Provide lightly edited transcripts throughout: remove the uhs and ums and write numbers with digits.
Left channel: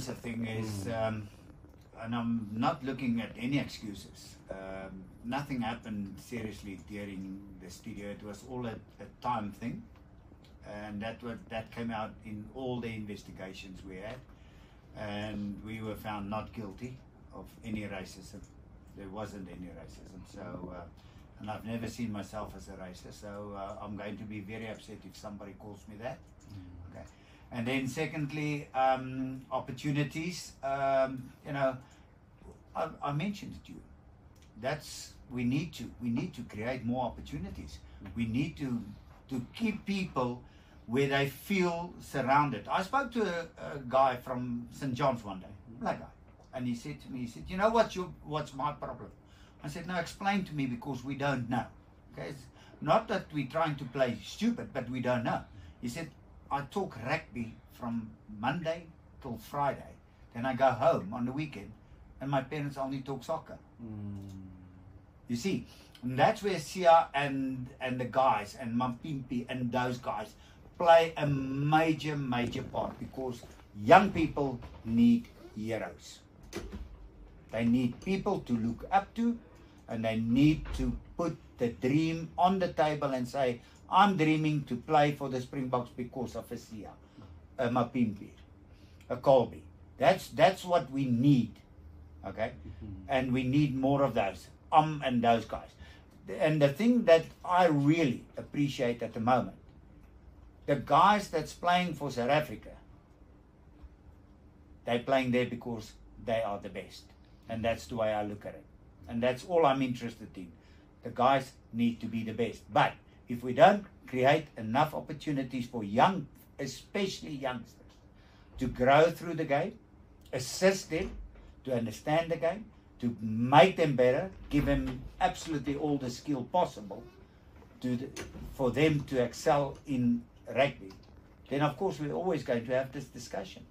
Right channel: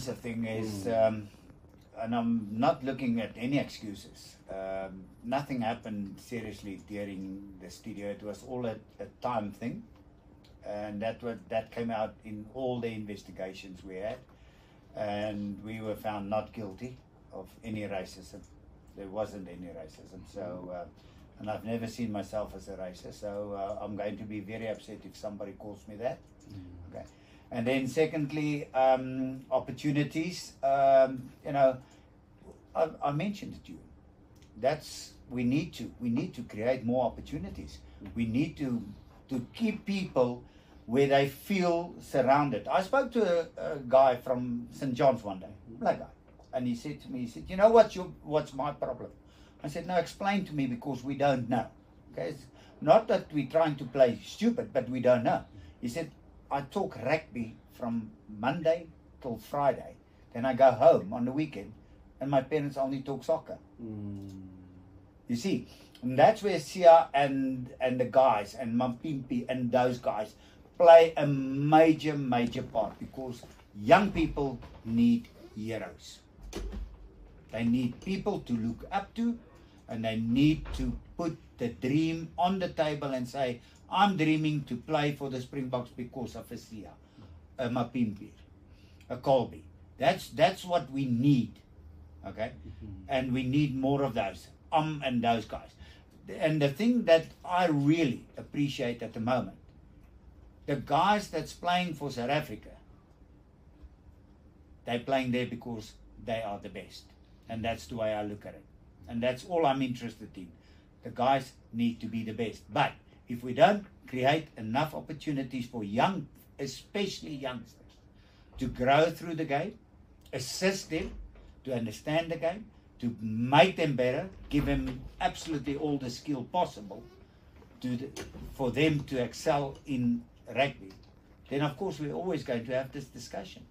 IMSA thing is, and I'm not looking at any excuses. Nothing happened seriously during the studio. It was all a time thing, and that came out in all the investigations we had, and we were found not guilty of any racism. There wasn't any racism. So, and I've never seen myself as a racist. So I'm going to be very upset if somebody calls me that. Okay. And then secondly, opportunities. You know, I mentioned it to you. We need to create more opportunities. We need to keep people where they feel surrounded. I spoke to a guy from St. John's one day, black guy, and he said to me, he said, "You know what's my problem?" I said, "No, explain to me, because we don't know." Okay, it's not that we're trying to play stupid, but we don't know. He said, "I talk rugby from Monday till Friday, then I go home on the weekend, and my parents only talk soccer." You see, and that's where Sia and the guys and Mampimpi and those guys play a major part, because young people need heroes. They need people to look up to, and they need to put the dream on the table and say, "I'm dreaming to play for the Springboks because of a Sia, a Mapimpi, a Colby." That's what we need, okay? And we need more of those, and those guys. And the thing that I really appreciate at the moment, the guys that's playing for South Africa, they're playing there because they are the best. And that's the way I look at it. And that's all I'm interested in. The guys need to be the best. But if we don't create enough opportunities for young, especially youngsters, to grow through the game, assist them to understand the game, to make them better, give them absolutely all the skill possible for them to excel in rugby, then of course we're always going to have this discussion.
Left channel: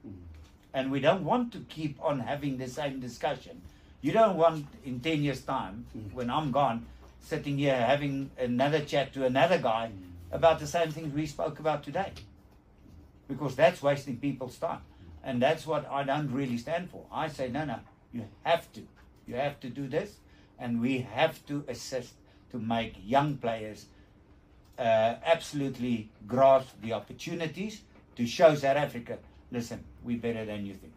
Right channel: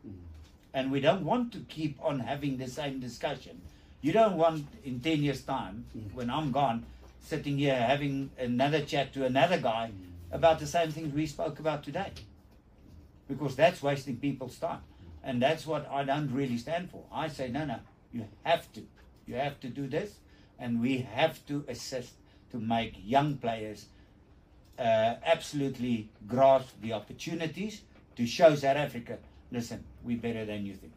And we don't want to keep on having the same discussion. You don't want in 10 years' time, when I'm gone, sitting here having another chat to another guy about the same things we spoke about today. Because that's wasting people's time. And that's what I don't really stand for. I say, no, you have to. You have to do this, and we have to assist to make young players absolutely grasp the opportunities to show South Africa, listen, we're better than you think.